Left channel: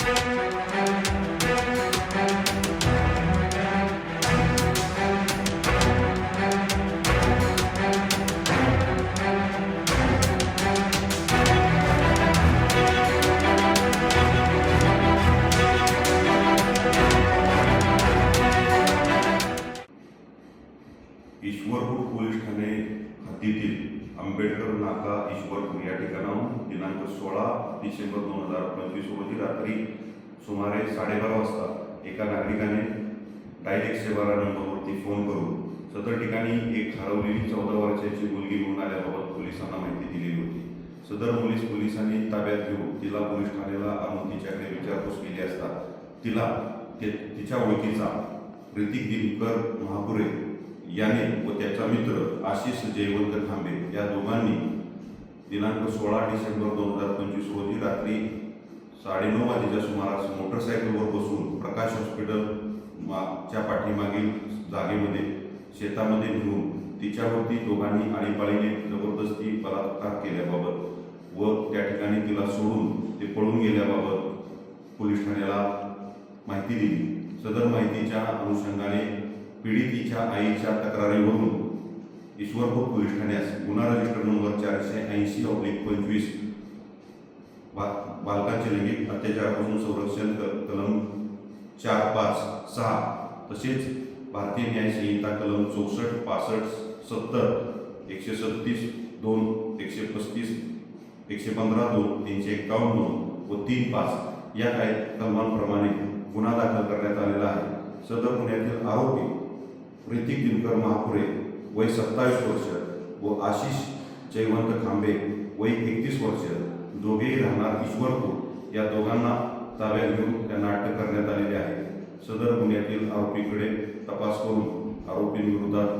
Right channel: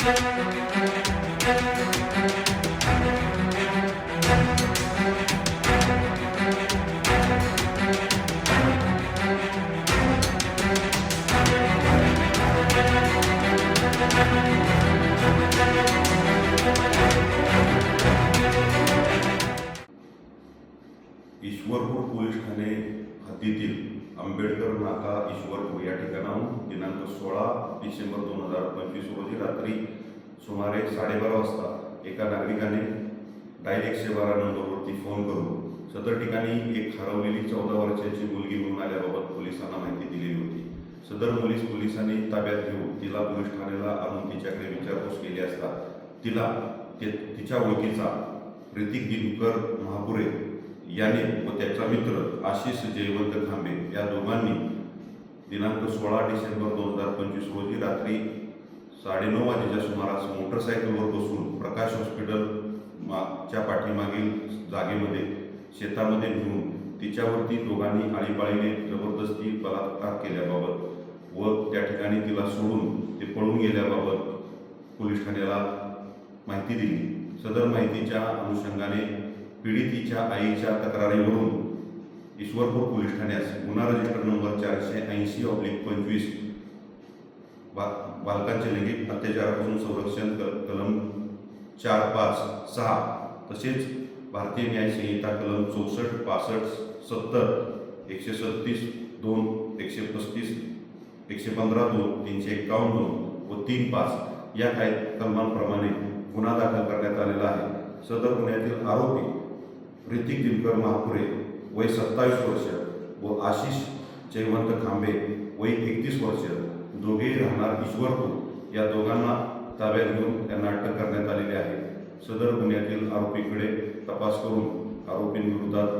Ishwarpur police Thane हद्दीतील आंबेडकर नाका ईश्वरपूर या ठिकाणाहून दिनांक 16 डिसेंबर 2025 रोजी रात्री सुमारे 12:30 वाजता एका नागरिकाने डायल 112 नंबरवरती फोन करून सदर ठिकाणी एक हरवलेली 14 वर्षाची मुलगी मिळून आल्याबाबत पोलिसांना माहिती दिलेली होती. सदर मुलीस पोलिसांनी ताब्यात घेऊन तिला पोलीस ठाण्याला आणून तिच्याकडे विचारपूस केली असता तिला तिच्या ओळखीचा ऋतिक दिनकर महापुरे याने व त्याचा मित्र आशिष जयवंत खांबे या दोघांनी दिनांक 16 डिसेंबर 2025 रोजी रात्री 9:30 वाजेच्या सुमारास मोटरसायकलवर बसून प्रकाश हॉस्पिटल च्या पाठीमागील जागेमध्ये शेतामध्ये नेऊन तिच्यावरती दोघांनी आळीपाळीने जबरदस्ती बलात्कार केल्याबाबत व त्या ठिकाणी तिला सोडून ते पळून गेल्याबाबत पोलीस ठाण्याला माहिती दिली. सदर माहितीच्या अनुषंगाने पीडितीच्या आईच्या तक्रारीवरून ईश्वरपूर पोलीस ठाण्यास गुन्हा रजिस्टर नंबर 480/25 बालकांचे लैंगिक अत्याचारापासून संरक्षण कलम 456 तसेच भारतीय न्याय संहिता कलम 64, 65, 70, 137, 2, 135, 115(2), 351(2) व 3(5) या काही कलमांप्रमाणे गुन्हा दाखल करण्यात आलेला आहे. सदर गुन्ह्यातील आरोपी ऋतिक दिनकर महापुरे वय 27 वर्ष व आशिष जयवंत खांबे वय 31 वर्ष दोघेही राहणार ईश्वरपूर या दोघांना ताब्यात घेऊन त्यांना अटक करण्यात आलेली आहे. सदर गुन्ह्यातील आरोपीकडे तपास करून आरोपींविरोधात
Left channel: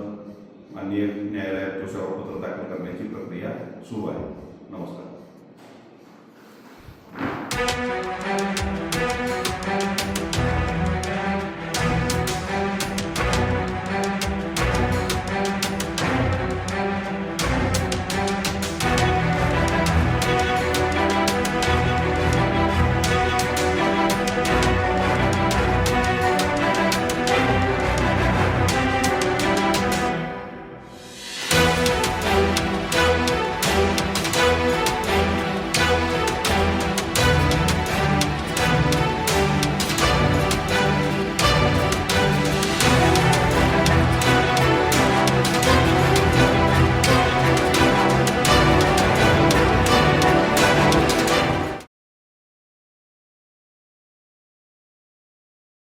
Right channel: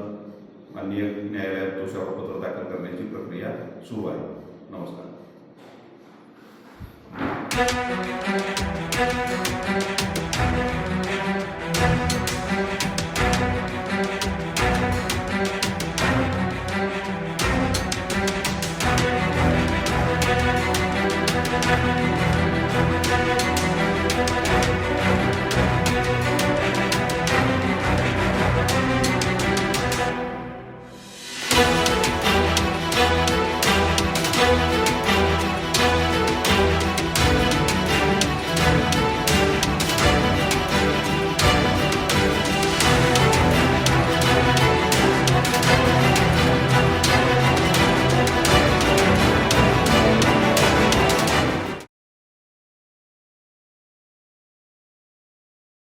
माननीय न्यायालयात दोषारोपपत्र दाखल करण्याची प्रक्रिया सुरू आहे. नमस्कार.